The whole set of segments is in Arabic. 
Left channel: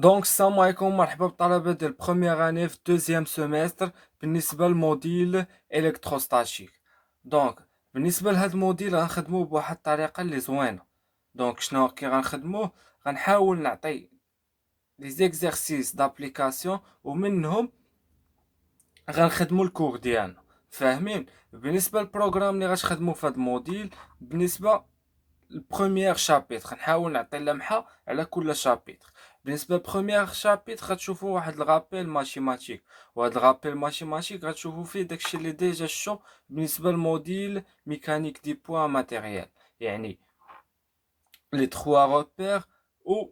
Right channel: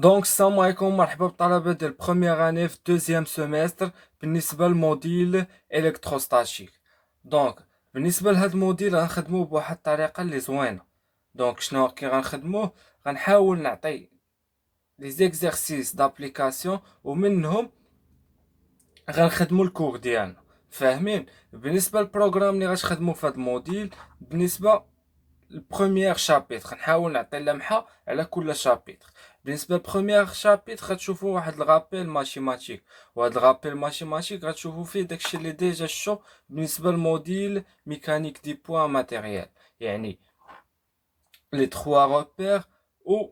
دونك السلام عليكم، مرحبا بالطلبة ديال بروميير اني في دوزيام سيمستر بالنسبة للموديل الكتروستاتيك. دونك بالنسبة لهاد الموديل غنخدموه بواحد الطريقة اللي زوينة. دونك شنو كي غنخدموه؟ غنحاول نعطي لي زيكزارسيس دابليكاسيون ومنهم غنخدمو الكور ديالنا. فاهمين؟ بالنسبة للبروغرام اللي غتخدمو في هاد الموديل، بالنسبة البروميير شابيتر نحاول نعطي لمحه على كل شابيتر. بالنسبه للبروميير شابيتر غتشوفوا واحد الغابيل ماتيماتيك، وهاد الغابيل ماتيماتيك غتشوفوا فيه داكشي اللي ديجا شو بالنسبه للموديل ميكانيك دي بوان ماتيريال، يعني لي 3 روبير و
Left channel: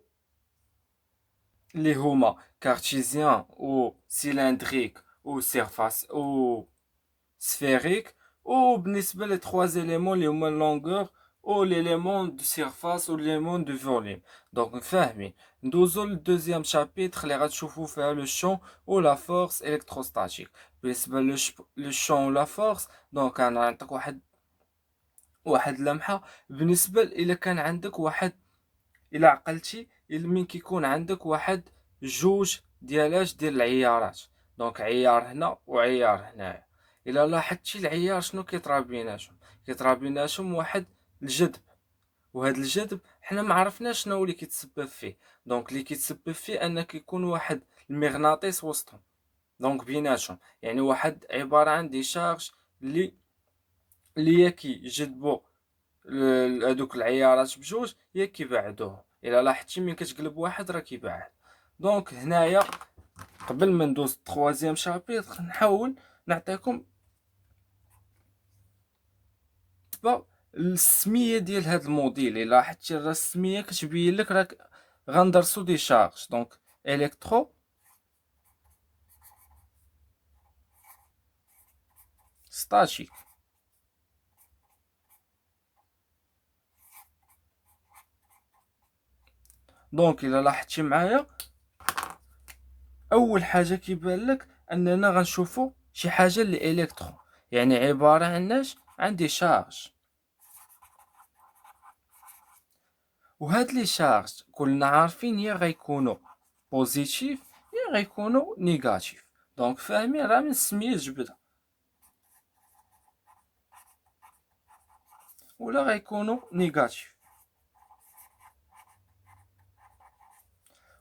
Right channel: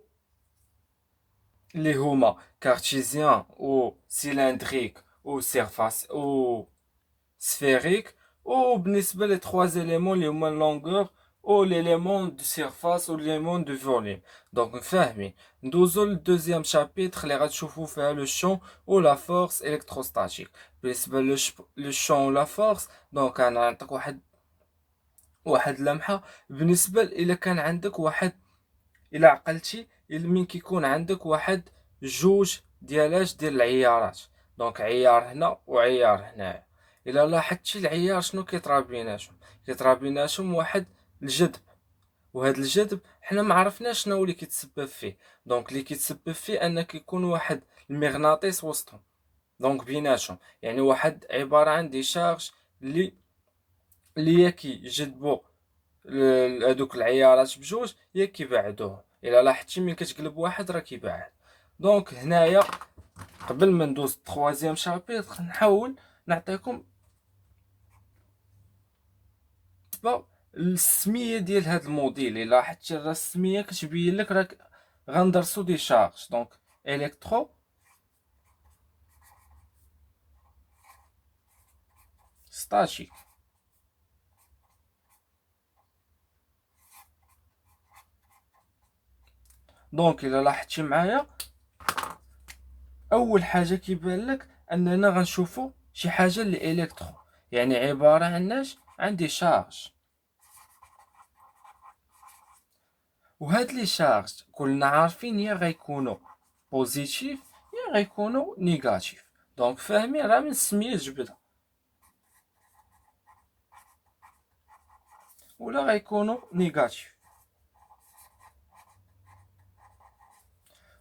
اللي هما كارتيزيان و سيلندريك و سيرفاس و sphérique, ou بالنسبة les trois éléments اللي هما longueur ou l'élément de surface ou l'élément de volume. Donc فاهمين. ندوزو للدوزيام شابيتر اللي غتشوفو فيها لو شون و لا فورس électrostatique. بالنسبة لو شون و لا فورس، دونك انا نعطيك واحد لمحة. بالنسبة إلا كان عندك واحد، إلا عقلتي من كيكون عندك واحد جوج ديال العيارات، دونك عيار هنا وعيار هنايا، الا لاحظتي العيار شنو كيطرا بيناتهم؟ كيطرا بيناتهم واحد الجذب، وهاد الجذب حنا ما عرفناش شنو اللي كيتسبب فيه. دونك اللي كيتسبب فيه ان كيكون واحد المغناطيس وسطهم، دونك بيناتهم، يعني واحد عبارة عن دي شارج اللي يا كيجذبوا هادوك العيارات بجوج يا كيبعدوهم. الا لاحظتي من كتقلب واحد راه كيبعد. دونك هنايا قبل ما ندوز التخوازيام شابيتر نحاول نعطيكم السميه ديال هاد الموديل. الا لاحظتي راه السميه كتبين لك راك غندرسو دي شارج. دونك الكترو ستاتيك. دونك الا لاحظتي معايا اول حاجه كيبان لك اننا غنشوفو شي حاجه اللي الكترو، يعني عباره عن دي شارج. وهاد لي شارج كلنا عارفين يا غيكونوا بوزيتيف يا غيكونوا نيجاتيف. دونك فاهمين راه من السميه جبدها، ولا غيكونوا نيجاتيف.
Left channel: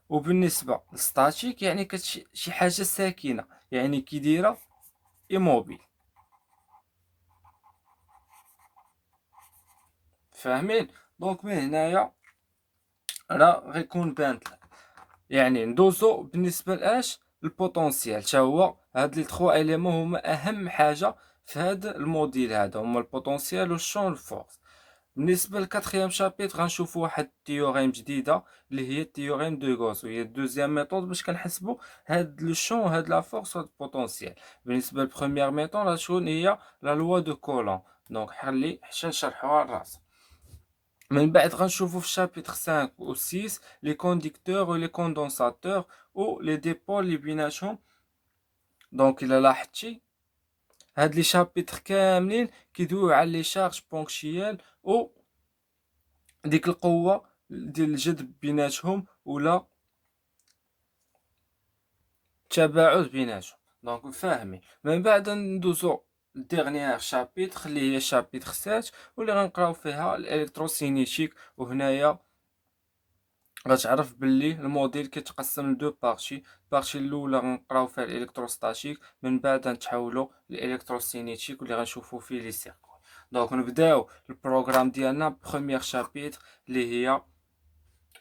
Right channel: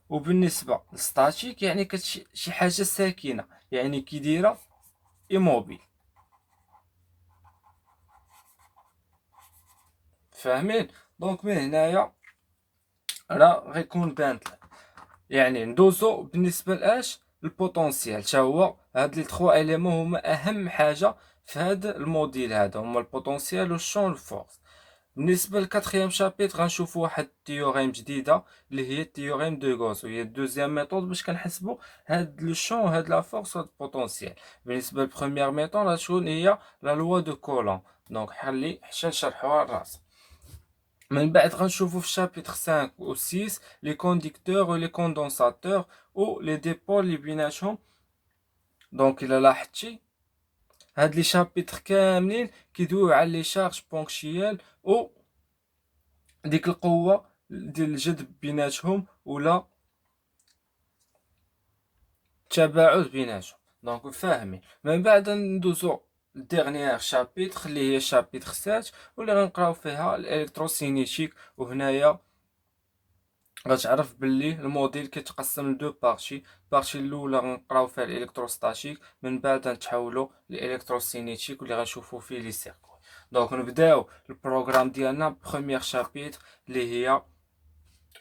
وبالنسبه للستاتيك يعني شي حاجه ساكنه، يعني كي دايره ايموبيل. فاهمين؟ دونك من هنايا راه غيكون بانت لك. يعني ندوزو بالنسبه لاش البوتونسيال، حتى هو هاد لي 3 اليمون هما اهم حاجه في هاد الموديل. هذا هما البوتونسيال والشون الفورس. بالنسبه للكاتريام شابيتر غنشوفوا واحد التيوريم جديده اللي هي التيوريم دو غوس، وهي الدوزيام ميثود باش كنحسبوا هاد لو شون وهاد لا فورس وهاد البوتونسيال. بالنسبه للبروميير ميثود غتكون هي لا لوا دو كولون. دونك حلي حتى نشرحوها الراس. من بعد غنشوفوا في الشابيتر 5 و 6 لي كونديكتور و لي كوندونساتور و لي ديبول اللي بيناتهم. دونك الا لاحظتي هاد لي شابيتر كاملين كيدويو على لي شارج بونكشيال و ديك القوه ديال الجذب بيناتهم ولا التباعد بيناتهم. دونك فاهمين. من بعد ندوزو لديغنيير شابيتر اللي هي شابيتر 7 واللي غنقراو فيها الالكتروسينيتيك. وهنايا غتعرف باللي الموديل كيتقسم لدو بارتي. البارتي الاولى غنقراو فيها الالكتروستاتيك، من بعد نتحولوا للالكتروسينيتيك واللي غنشوفوا فيه لي سيركوي. دونك نبداو البروغرام ديالنا بروميير شابيتر اللي هي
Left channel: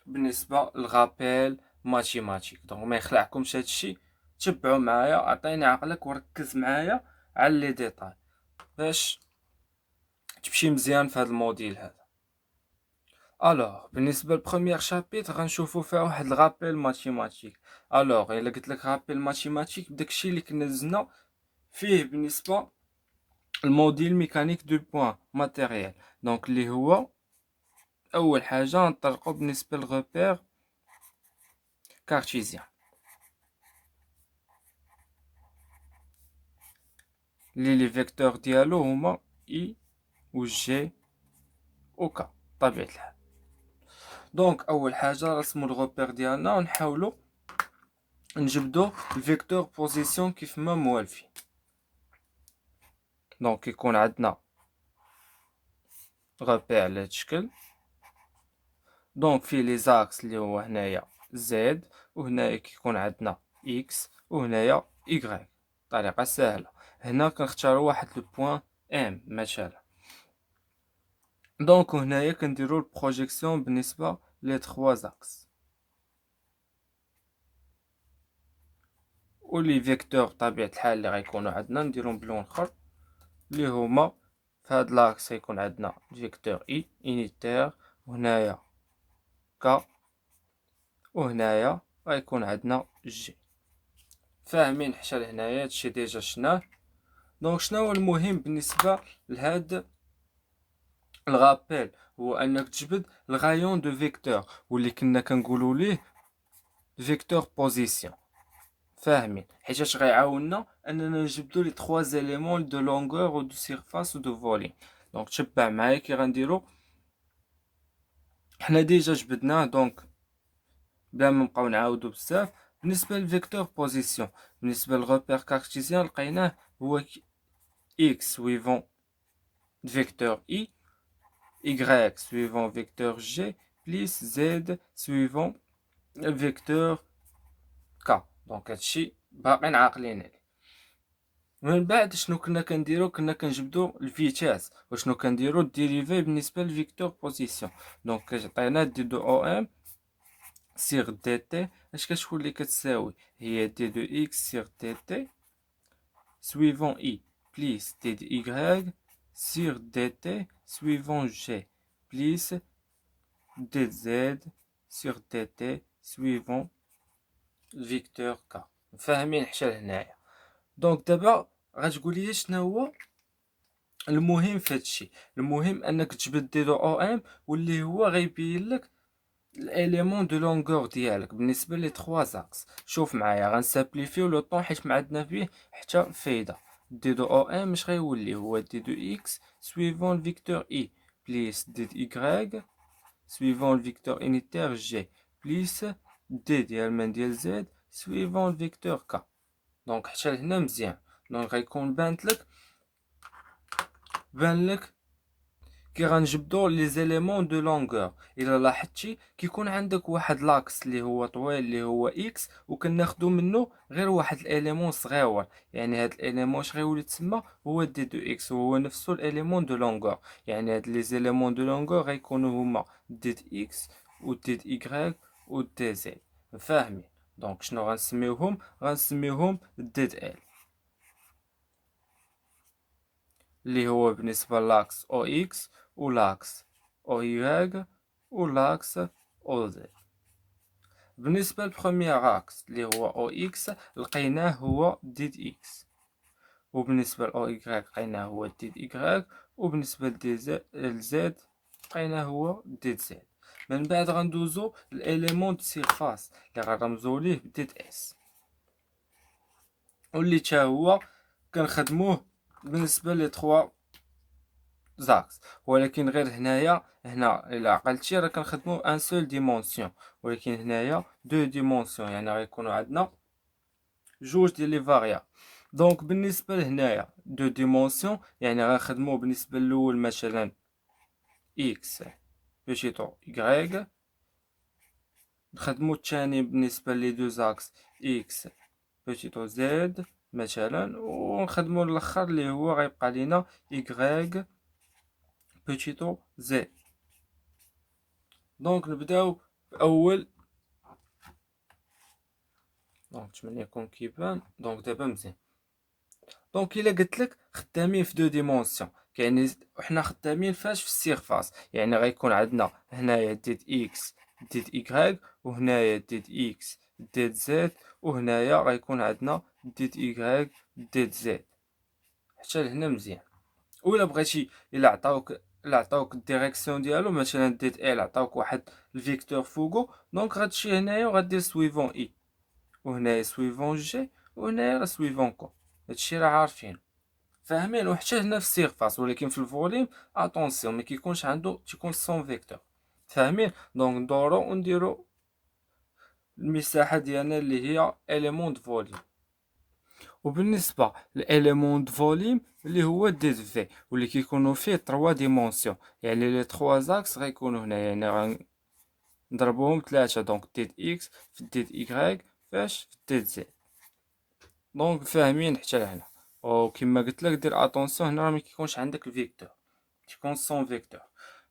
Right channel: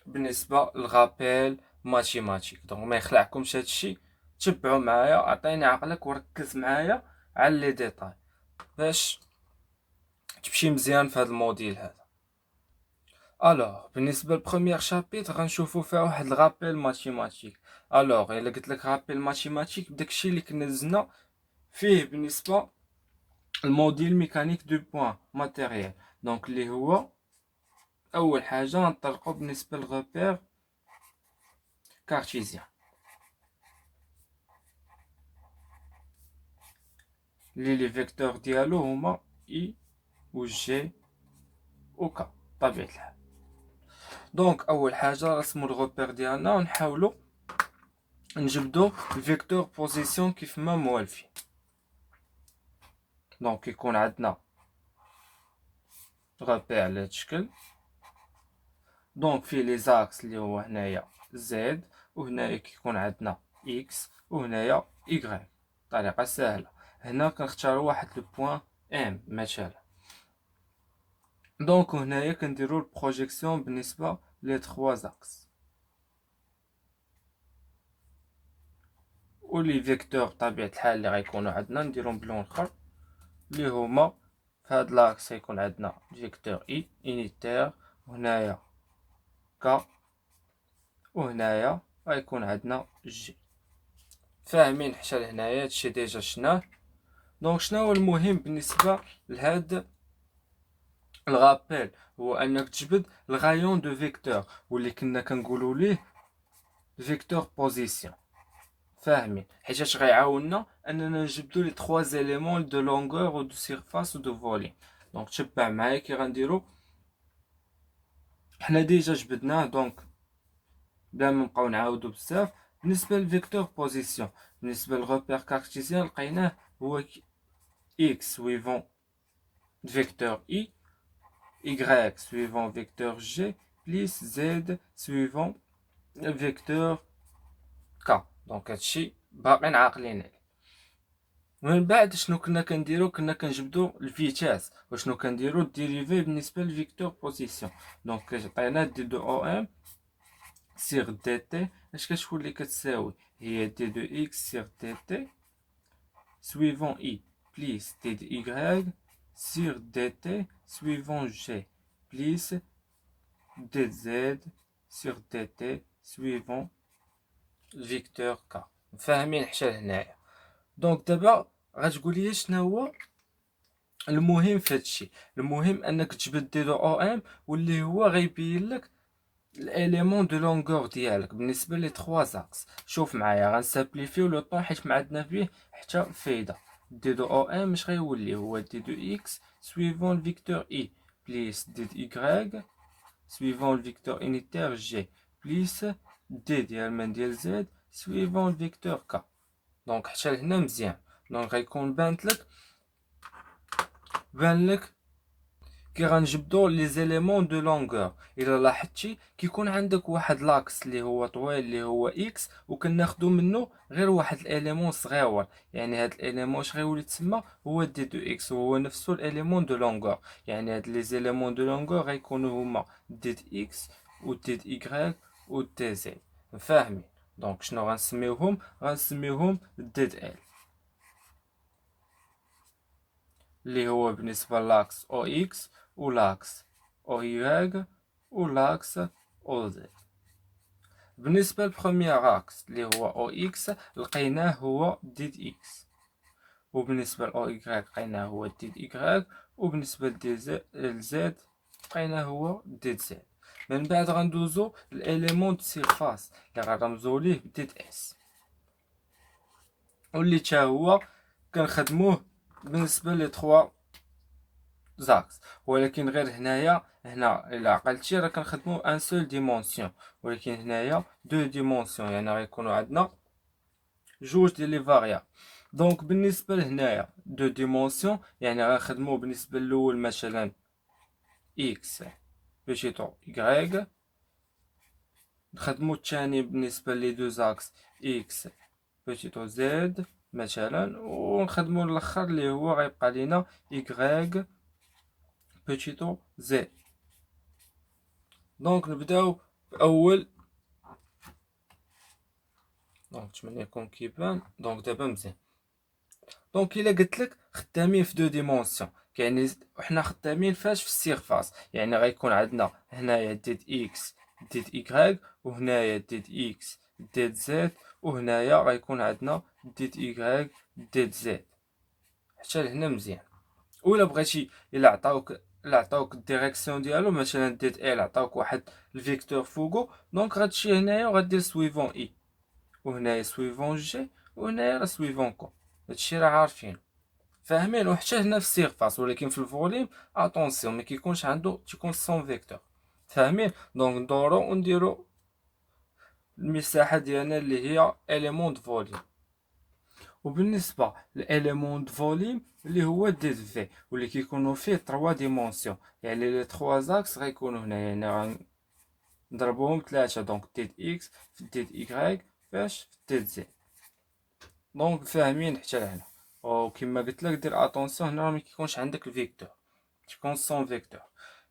بالنسبه للغابيل ماتيماتيك. دونك ما يخلعكمش هادشي، تبعوا معايا، عطيني عقلك وركز معايا على لي ديتاي باش تمشي مزيان في هذا الموديل هذا. الوغ بالنسبه للبروميير شابيتر غنشوفو فيها واحد الغابيل ماتيماتيك. الوغ الا قلت لك غابيل ماتيماتيك داكشي اللي كنا زدنا فيه بالنسبه الموديل ميكانيك دو بوين ماتيريال. دونك اللي هو اول حاجه نطرقو بالنسبه للغوبير كارتيزيان لي فيكتور ديالو هما اي و جي و كا بطبيعه الحال. دونك اول حاجه رسمو الغوبير ديالنا ونحاولوا نجبدو الفيكتور بوزيسيون كيف ما موالفين. دونك يكون عندنا غابير على هاد الشكل. دونك فيه لي زاكس اللي هو هنايا زد، وهنايا كيكون عندنا اكس، وهنايا ايكغيك. طريقه سهله. هنا كنختاروا واحد لو بوين ام مثلا. دونك هنايا كنديروا البروجيكسيون بالنسبه لي 3 زاكس، ولي فيكتور بطبيعه الحال اللي غيكونوا عندنا نديرهم بلون اخر، اللي هما في هاد لاكس غيكون عندنا فيكتور اي انيتير، وهنايا ك، وهنايا غيكون عندنا جي. فاهمين حتى لهنايا؟ هادشي ديجا شناه. دونك شنو هو المهم بالنسبه لهاد الغابيل؟ هو انك تجبد الغايون دو فيكتور، واللي كنا كنقولوا ليه فيكتور بوزيسيون. فاهمين؟ حيت غيعاوننا اننا نجبدو لي 3 زيليمون دو لونغور و دو سيرفاس و دو فوليوم. دونك تبع معايا كي غنديرو. حنا ديجا جبدناه، دونك بلا ما نبقاو نعاودو بزاف. بالنسبه للفيكتور بوزيسيون، بالنسبه للغوبير كارتيزيان لقيناه هو x suivant vecteur i, y suivant vecteur g, plus z suivant vecteur k. دونك هادشي باقي عاقلين عليه. من بعد شنو كنا كنديرو؟ كنا كنجبدو الفيتاس، وشنو كنديرو الديريفي بالنسبه للفيكتور بوزيسيون. دونك كتعطينا دي دو او ام سيغ دي تي. اش كتولي كتساوي؟ هي دي دو اكس سيغ دي تي suivant i plus d de y sur dt suivant g plus dz sur dt suivant vecteur k. فاهمين حتى لهنايا؟ دونك دابا غتقول لي شنو هو المهم في هادشي. المهم انك تجبد دي دو او ام، واللي هو غيبين لك الاليمون دو لونغور ديالك بالنسبه لي 3 زاكس. شوف معايا غنسامبليفيو لو طون حيت ما عندنا فيه حتى فايده. دي دو او ام اش غيولي؟ هو دي دو اكس سويفون الفيكتور اي بليس دي دو ايكغيك سويفون الفيكتور انيتير جي بليس دي ديال من ديال زد سويفون الفيكتور كا. دونك حتى لهنا مزيان. دونك غيكون بان لك كي غنجبدو لي زيليمون دو لونغور. الا لاحظتي كيكون عندك واحد لاكس اللي هو طويل اللي هو اكس، وكناخدو منه غير واحد الاليمون صغيور. يعني هاد الاليمون اش غيولي تسمى؟ هو دي دو اكس، وهو نفسه الاليمون دو لونغور. يعني هاد لي زيليمون دو لونغور غيكونوا هما دي دو اكس و دي دو ايكغيك و دي زد. فاهمين؟ دونك شنو غنسميوهم؟ غنسميوهم دي دو ال، اللي هو بالنسبه لاكس او اكس ولاكس او واي ولاكس او زد. بالنسبه للبروميير اكس اللي هو او اكس لقيناه هو ديد اكس، وبالنسبه لاو واي لقيناه هو ديد ايكغيك، وبالنسبه لزد لقيناه هو ديد زد. من بعد غندوزو الاليمون دو سيرفاس اللي غنرمزو ليه بديد اس، واللي تا هو كنخدموه بالنسبه لي 3 زاكس. ولكن غير هنا الا عقلتي راه كنخدمو ان سول ديمونسيون، ولكن هنايا دو ديمونسيون، يعني غيكونوا عندنا جوج ديال لي فاريابل. دونك بالنسبه لهنايا دو ديمونسيون يعني غنخدمو بالنسبه الاول مثلا اكس بوتيتو y، نخدمو الثاني بالنسبه لي دو زاكس اكس بوتيتو زد مثلا، ونخدمو الاخر اللي هو غيبقى لينا y بوتيتو زد. دونك نبداو باول. دونك نتمنى يكون كيبان. دونك دابا مزيان. دونك الا قلت لك خدامين في دو ديمونسيون، يعني حنا خدامين فاش؟ في السيرفاس. يعني غيكون عندنا هنايا ديد اكس ديد ايكغيك، وهنايا ديد اكس ديد زد، وهنايا غيكون عندنا ديد ايكغيك ديد زد. حتى لهنا مزيان. ولا بغيتي الا عطاوك الديريكسيون ديالو، مثلا ديد ال عطاوك واحد الفيكتور فوقو، دونك غتمشي هنايا وغدير سويفون اي، وهنايا سويفون جي، وهنايا سويفون كو. هادشي راه عارفين. فاهمين؟ وحتى هنا في السيرفاس، ولكن في الفوليوم اتونسيون ما كيكونش عنده، تيكون سون فيكتور. فاهمين؟ دونك ندورو ونديرو المساحة ديالنا اللي هي element de volume. وبالنسبة لإليمون دو فوليم اللي هو ديد في واللي كيكونوا فيه 3 ديمونسيون، يعني لي 3 زاكس غيكونوا هنا، يعني غنضربوهم 3، دونك ديد اكس في ديد ايكغيك فاش في ديد زد. دونك فاهمين حتى لهنا؟ وكما قلت لك دير اتونسيون هنا راه مكيكونش عندك الفيكتور، تيكون سون فيكتور.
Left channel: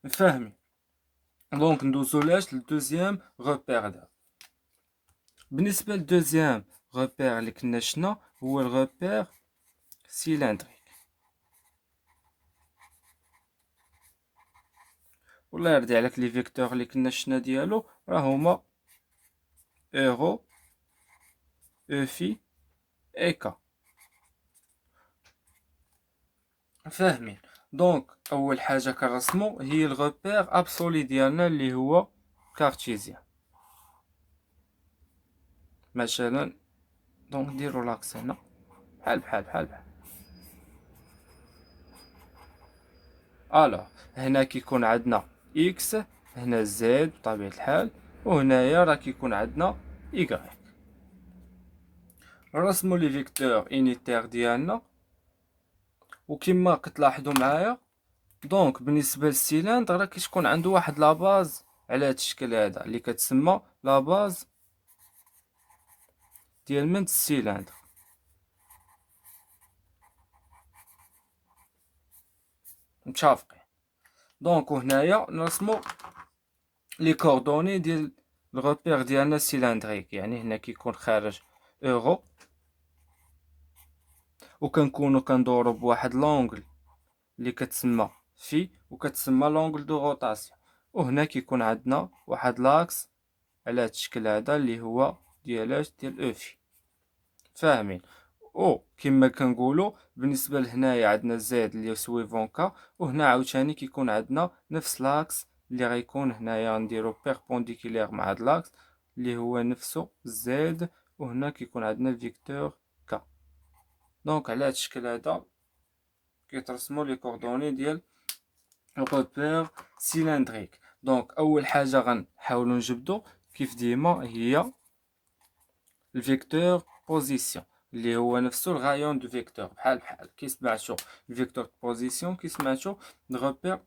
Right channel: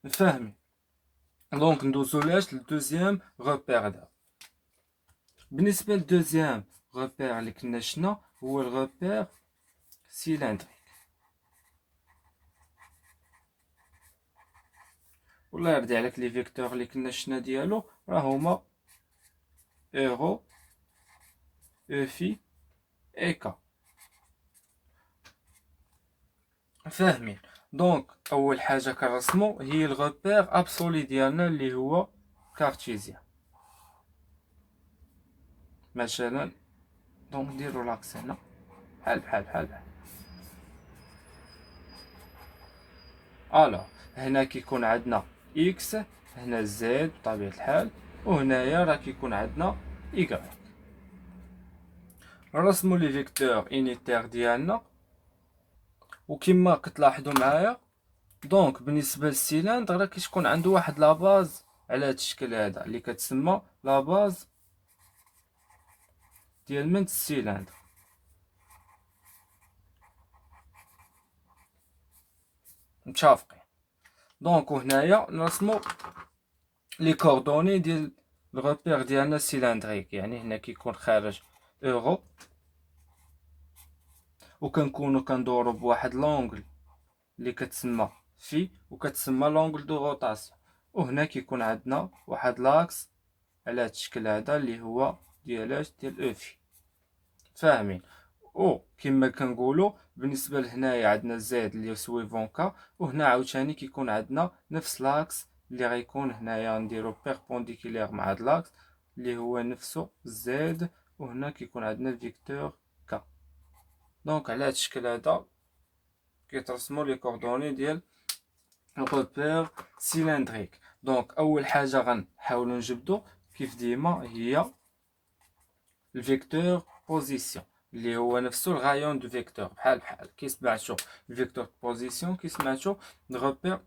فاهمين؟ دونك ندوزو لاش للدوزيام غوبير دا. بالنسبة للدوزيام غوبير اللي كنا شنا هو الغوبير سيلندريك. والله يرضي عليك لي فيكتور اللي كنا شنا ديالو راه هما ايرو او في اي كا. فاهمين؟ دونك اول حاجه كنرسمو هي الغوبير ابسولي ديالنا اللي هو كارتيزيان. مثلا دونك نديرو لاكس هنا بحال الوغ هنا كيكون عندنا اكس، هنا زد بطبيعه الحال، وهنايا راه كيكون عندنا ايكغيك. نرسمو لي فيكتور انيتير ديالنا، وكما كتلاحظوا معايا دونك بالنسبه للسيلندر راه كتكون عنده واحد لاباز على هذا الشكل هذا اللي كتسمى لاباز ديال منت السيلندر. متفقين؟ دونك وهنايا نرسمو لي كوردوني ديال الغوبير ديالنا سيلندريك، يعني هنا كيكون خارج اورو، وكنكونو كندورو بواحد لونغل اللي كتسمى في وكتسمى لونغل دو روتاسيون، وهنا كيكون عندنا واحد لاكس على هذا الشكل هذا اللي هو ديال او في. فاهمين؟ او كما كنقولوا بالنسبه لهنايا عندنا زد اللي سويفون كا، وهنا عاوتاني كيكون عندنا نفس لاكس اللي غيكون هنايا نديرو بيربونديكولير مع هاد لاكس اللي هو نفسه زد، وهنا كيكون عندنا الفيكتور كا. دونك على هاد الشكل هذا كيترسموا لي كوردوني ديال الغوبير سيلندريك. دونك اول حاجه غنحاولوا نجبدو كيف ديما هي الفيكتور بوزيسيون اللي هو نفسه الغايون دو فيكتور، بحال كي سمعتو الفيكتور بوزيسيون كي سمعتو الغوبير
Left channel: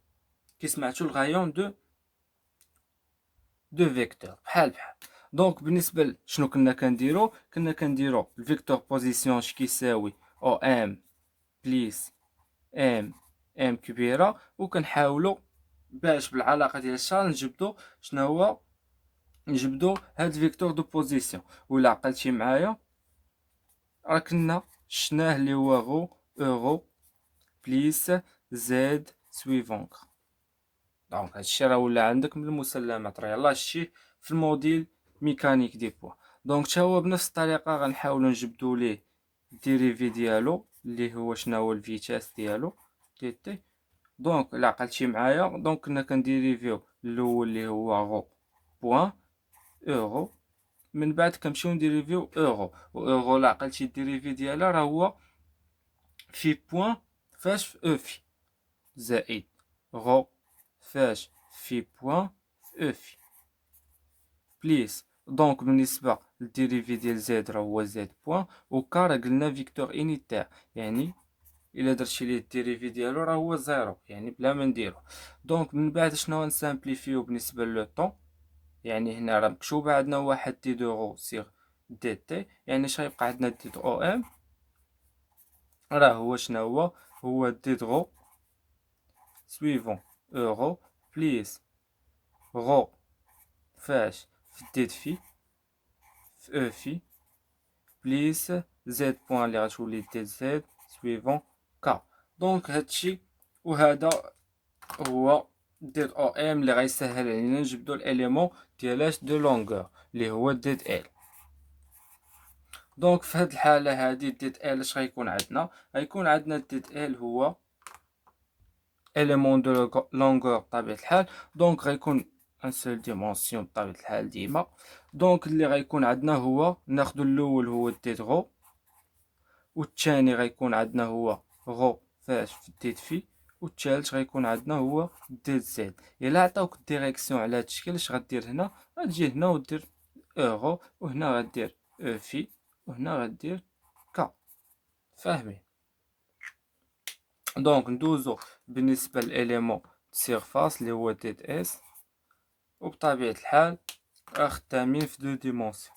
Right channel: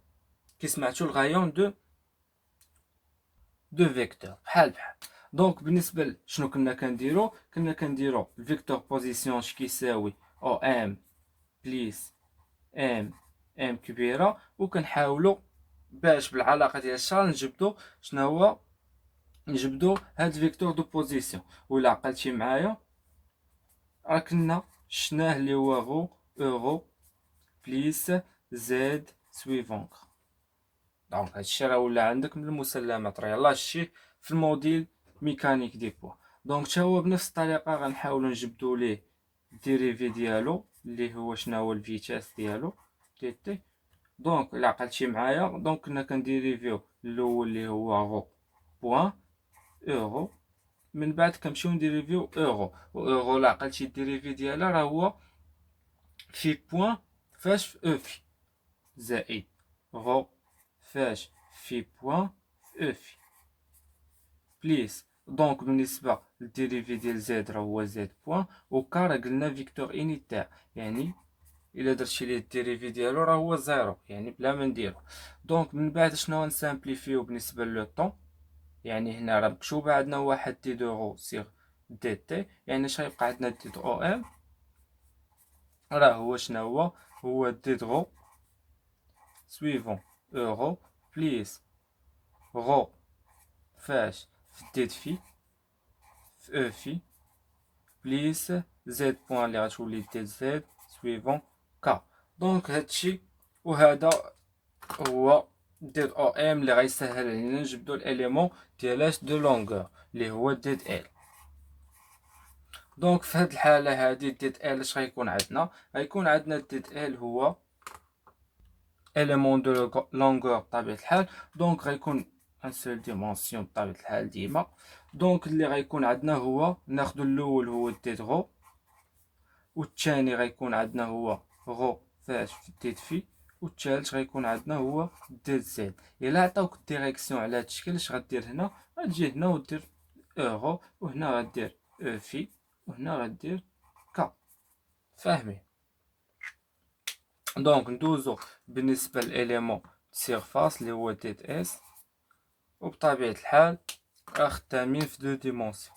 كي سمعتو الغايون دو فيكتور بحال. دونك بالنسبه شنو كنا كنديرو الفيكتور بوزيسيون اش كيساوي او ام بليس ام كبيره، وكنحاولوا باش بالعلاقه ديال الشار نجبدو هاد فيكتور دو بوزيسيون. ولا عقلتي معايا راه كنا شناه اللي هو غو اورو بليس زد سويفونك. دونك هادشي راه ولا عندك من المسلمات، راه يلاه شتيه في الموديل ميكانيك دي بوا. دونك تا هو بنفس الطريقه غنحاولوا نجبدوا ليه الديريفي ديالو اللي هو شنو هو الفيتاس ديالو تي تي. دونك الا عقلتي معايا دونك كنا كنديريفيو الاول اللي هو غو بوان اورو، من بعد كنمشيو نديريفيو اورو، و اورو لا عقلتي الديريفي ديالها راه هو في بوان فاش في او في زائد غو فاش في بوان في او في بليس. دونك بالنسبه للديريفي ديال زد راه هو زد بوان، و كا راه قلنا فيكتور انيتير، يعني الا درتي ليه الديريفي ديالو راه هو زيرو، يعني بلا ما نديرو. دونك من بعد شنو غنسامبليفيو بالنسبه لو طون، يعني هنا راه مكتوبه عندنا واحد دي دورو سيغ دي تي، يعني اش غيبقى عندنا دي او ام راه هو شنو هو دي درو سويفون اورو بليس غو فاش في ديد في او في بليس زد بوان اللي غتولي دي زد سويفون كا. دونك هادشي وهذا هو ديد او ام اللي غيسهل علينا نجبدو الاليمون ديالاش دو لونغور اللي هو ديد ال. دونك في هاد الحاله هادي ديد ال اش غيكون عندنا؟ غيكون عندنا ديد ال هو اليمون دو لونغور بطبيعه الحال، دونك غيكون ان سول ديمونسيون بطبيعه الحال ديما. دونك اللي غيكون عندنا هو ناخدو الاول هو ديد غو، والثاني غيكون عندنا هو غو فاش في ديد في، والثالث غيكون عندنا هو ديد زد. الا عطاوك الديريكسيون على هاد الشكل اش غدير هنا؟ غتجي هنا ودير اورو، وهنا غدير او في، وهنا غدير ك. فاهمين؟ دونك ندوزو بالنسبة للإليمون سيرفاس اللي هو ديت اس، وبطبيعة الحال خدامين في دو ديمونسيون.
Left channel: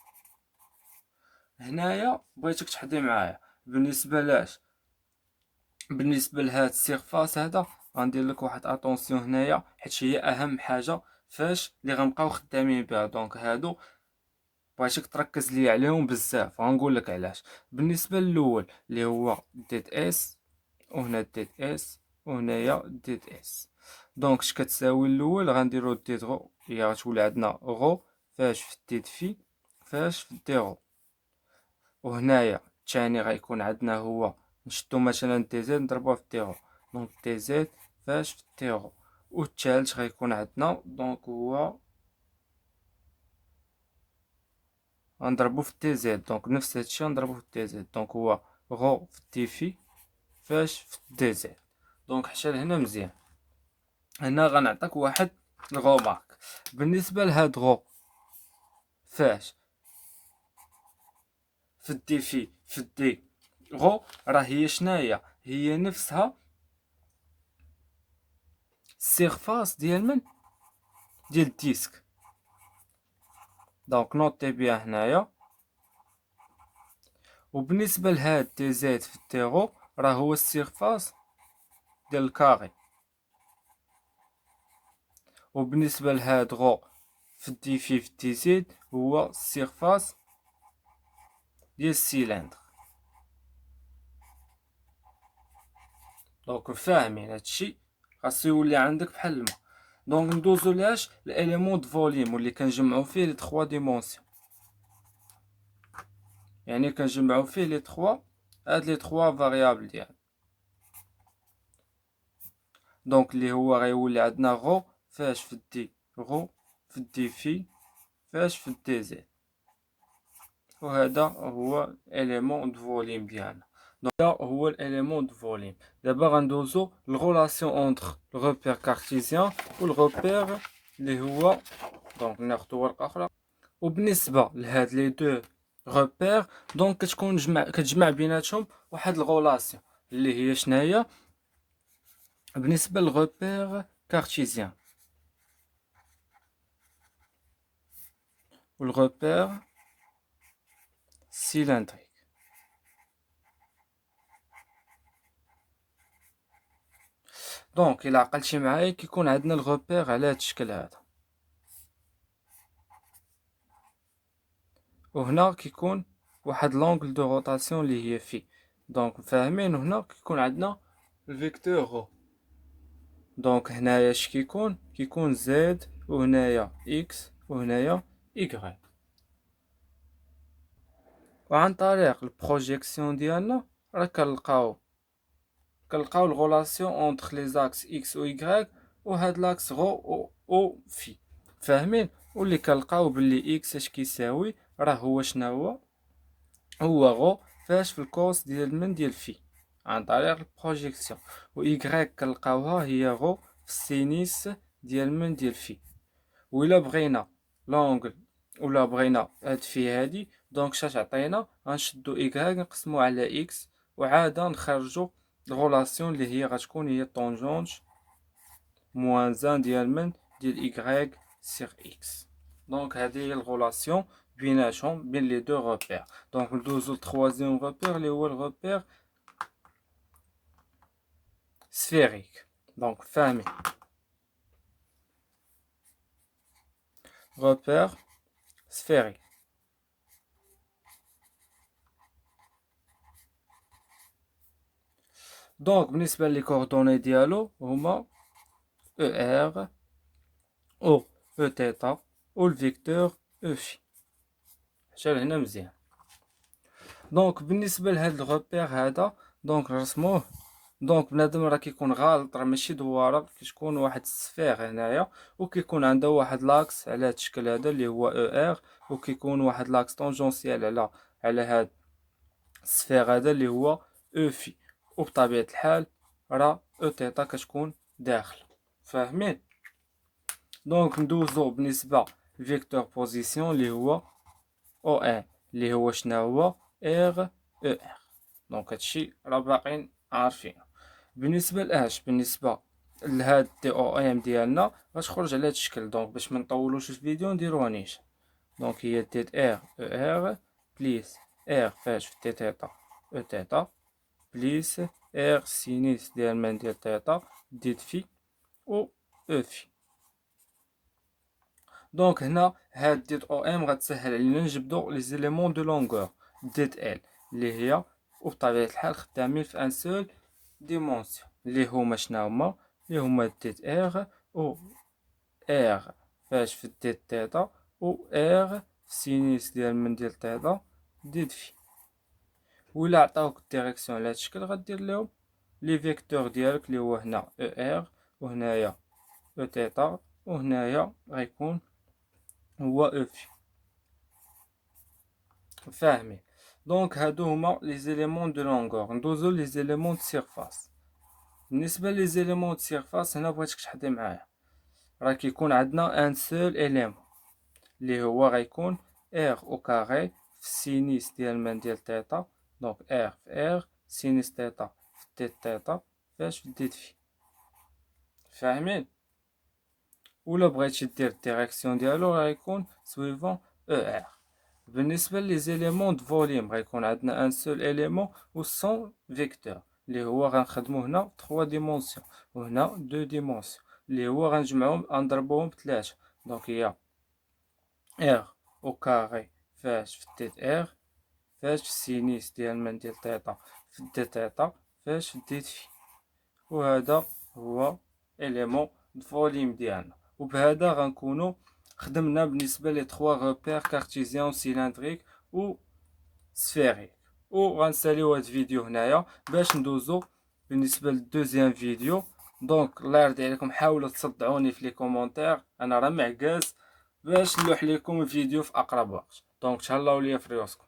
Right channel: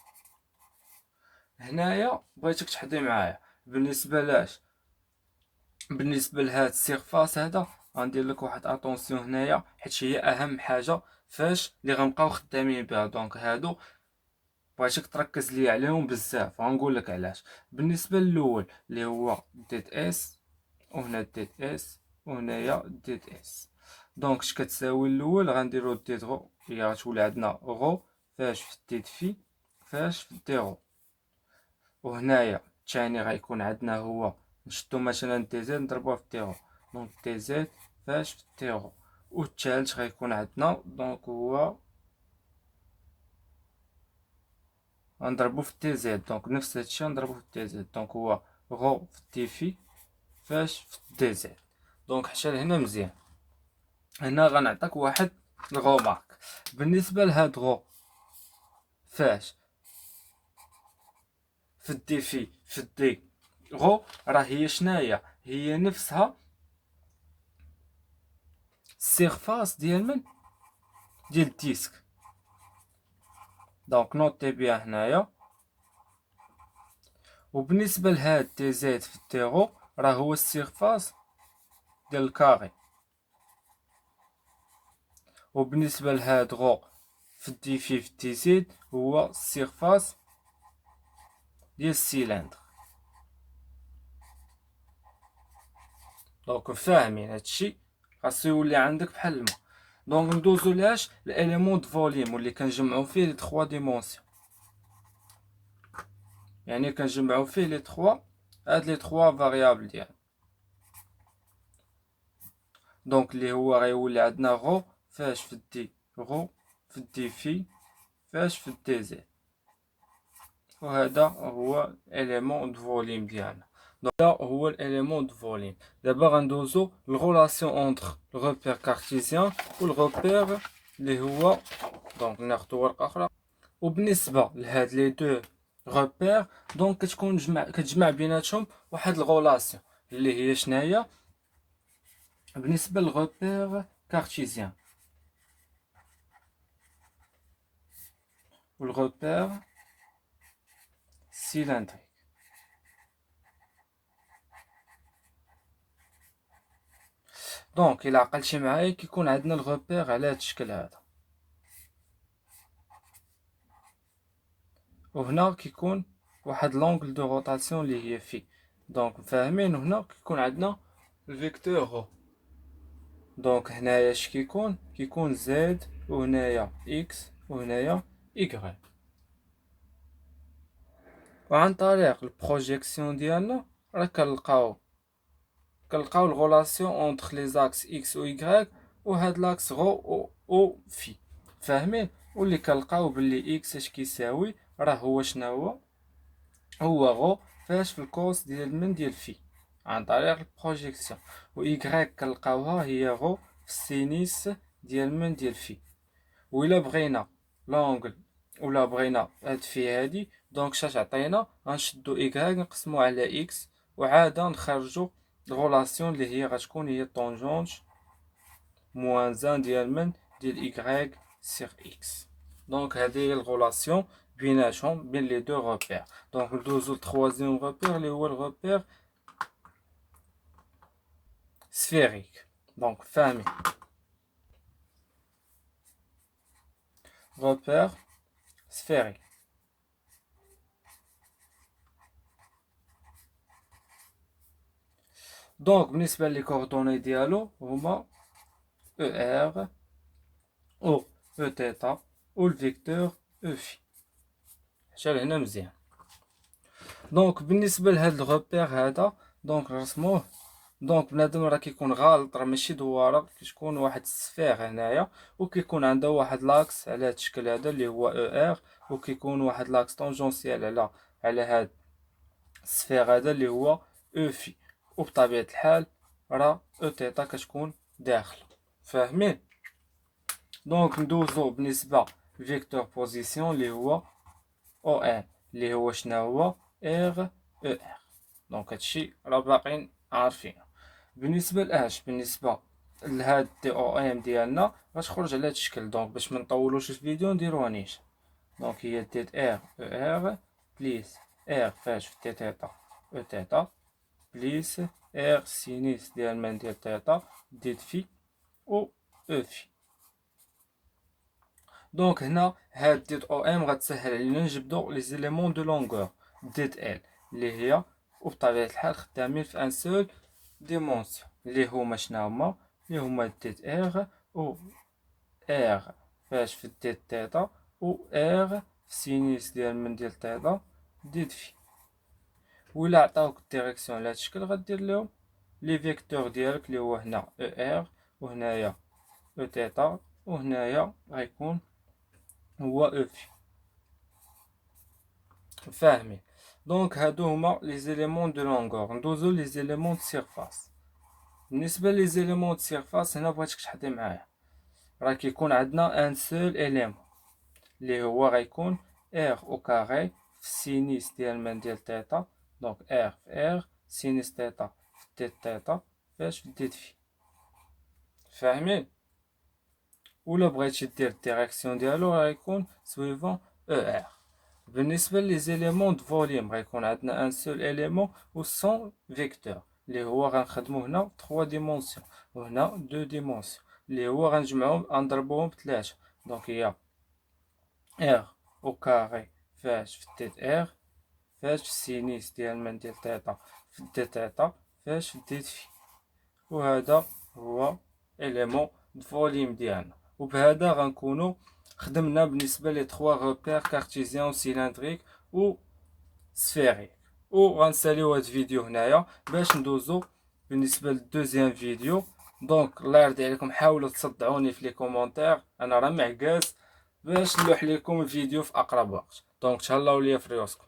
هنايا بغيتك تحضي معايا بالنسبة لاش، بالنسبة لهاد السيرفاس هذا غندير لك واحد اتونسيون هنايا، حيت هي اهم حاجة فاش اللي غنبقاو خدامين بها. دونك هادو بغيتك تركز لي عليهم بزاف، غنقول لك علاش. بالنسبة للأول اللي هو ديت اس، وهنا ديت اس، وهنايا ديت اس. دونك اش كتساوي الاول؟ غنديرو ديت غو، هي غتولي عندنا غو فاش في ديت في فاش في دي غو. وهنايا الثاني غيكون عندنا هو نشدو مثلا دي زد نضربوه في دي غو، دونك دي زد فاش في دي غو. والثالث غيكون عندنا دونك هو غنضربو في دي زد، دونك نفس هادشي غنضربو في دي زد، دونك هو غو في دي في فاش في دي زد. دونك حتى لهنا مزيان. هنا غنعطيك واحد الغومارك بالنسبة لهاد غو فاش في دي في دي غو، راه هي شناهي؟ هي نفسها السيرفاس ديال من ديال الديسك. دونك نوطي بيها هنايا. وبالنسبة لهاد دي زد في دي غو راه هو السيرفاس ديال الكاري. وبالنسبة لهاد غو في دي في دي زد هو السيرفاس ديال السيلندر. دونك فاهمين هادشي؟ خاصو يولي عندك بحال الماء. دونك ندوزو لاش الاليمون دو فوليوم واللي كنجمعو فيه لي 3 ديمونسيون، يعني كنجمعو فيه لي 3 هاد لي 3 فاريابل ديالنا. دونك اللي هو غيولي عندنا غو فاش في دي غو في دي في فاش في دي زد. وهذا هو الاليمون دو فوليوم ديالنا. دونك هذا هو الاليمون دو فوليوم. دابا غندوزو الغولاسيون اونتر الغوبير كارتيزيان والغوبير اللي هو، دونك ناخدو ورقه اخرى. وبالنسبه لهاد لي دو غوبير دونك كتكون كتجمع بيناتهم واحد الغولاسيون اللي هي شناهي؟ بالنسبه للغوبير كارتيزيان والغوبير سيلندريك. دونك الى عقلتي معايا كيكون عندنا الغوبير على هاد الشكل هذا، وهنا كيكون واحد لونغل دو روتاسيون اللي هي في. دونك فاهمين؟ هنا كيكون عندنا الفيكتور غو. دونك هنايا اش كيكون زد، وهنايا اكس، وهنايا ايكغيك. وعن طريق البروجيكسيون ديالنا راه كنلقاو الغولاسيون اونتر لي زاكس اكس و ايكغيك وهاد لاكس غو او في. فاهمين؟ واللي كنلقاو باللي اكس اش كيساوي؟ راه هو شناهو؟ هو غو فاش في الكوس ديال من ديال في عن طريق البروجيكسيون. و ايكغيك كنلقاوها هي غو في السينيس ديال من ديال في. وإلا بغينا لونغل ولا بغينا هاد في هادي، دونك شاش عطينا؟ غنشدو إيكغيك نقسمو على إكس، وعادا نخرجو الغولاسيون اللي هي غتكون هي طونجونت موان زان ديال من ديال إيكغيك سيغ إكس. دونك هادي هي الغولاسيون بيناتهم بين لي دو غوبير. دونك ندوزو لتخوازيام غوبير اللي هو الغوبير سفيريك. دونك فاهمين؟ غوبير سفيريك. دونك بالنسبة لي كوردوني ديالو هما او ار او او تيتا و الفيكتور او في. حتى لهنا مزيان. دونك بالنسبة لهاد الغوبير هذا دونك نرسموه. دونك بنادم راه كيكون غالط، راه ماشي دوارة، كتكون واحد السفير هنايا وكيكون عندها واحد لاكس على هاد الشكل هذا اللي هو او ار، وكيكون واحد لاكس طونجونسيال على هاد السفير هذا اللي هو او في. وبطبيعة الحال راه او تيتا كتكون داخل. فاهمين؟ دونك ندوزو بالنسبة لفيكتور بوزيسيون اللي هو او ان اللي هو شنو هو ار او ار. دونك هادشي راه باقيين عارفينه. بالنسبه لاش بالنسبه لهاد دي او ام ديالنا غتخرج على هاد الشكل. دونك باش ما نطولوش الفيديو نديروها نيشان. دونك هي ديت ار او ار بليس ار فاش في تي تيتا او تيتا بليس ار سينيس ديال من ديال تيتا ديت في او او في. دونك هنا هاد ديت او ام غتسهل علينا نجبدو لي زيليمون دو لونغور ديت ال اللي هي وبطبيعة الحال خدامين في ان سول ديمونسيون اللي هما شنو هما اللي هما ديت ار و ار فاش في ديت تيتا و ار سينيس ديال من ديال تيتا ديت في. ولا عطاوك الديريكسيون على هاد الشكل غدير ليهم لي فيكتور ديالك اللي هو هنا او ار وهنايا او تيتا وهنايا غيكون هو او في. فاهمين؟ دونك هادو هما لي زيليمون دو لونغور. ندوزو لي زيليمون دو سيرفاس. بالنسبه لي زيليمون دو سيرفاس هنا بغيتك تحضي معايا راه كيكون عندنا ان سول اليمون اللي هو غيكون ار او كاري في سينيس ديال من ديال تيتا. دونك ار في ار سينيس تيتا في ديت تيتا فاش في ديت في. فاهمين؟ ولا بغيتي دير الديريكسيون ديالو غيكون سويفون او ار. بالنسبه لي زيليمون دو فوليوم غيكون عندنا ان سول اليمون و سون فيكتور اللي هو غنخدمو هنا 3 ديمونسيون وهنا 2 ديمونسيون اللي هو غنجمعهم نضربوهم بثلاثة. دونك هي ار او كاري فاش في ديت ار فاش سينيس ديال من ديال تيتا في ديت تيتا فاش في ديت في. وهذا هو اليمون دو فوليوم ديالنا. وبهذا غنكونو خدمنا بالنسبه لي 3 روبير كارتيزيان سيلندريك و سفيريك. وغنساليو هاد الفيديو هنايا باش ندوزو بالنسبه للدوزيام فيديو. دونك الله يرضي عليكم حاولوا تصدعوني في لي كومونتير انا راه معكاز باش نلوح لكم الفيديو في اقرب وقت. دونك تهلاو ليا في ريوسكم.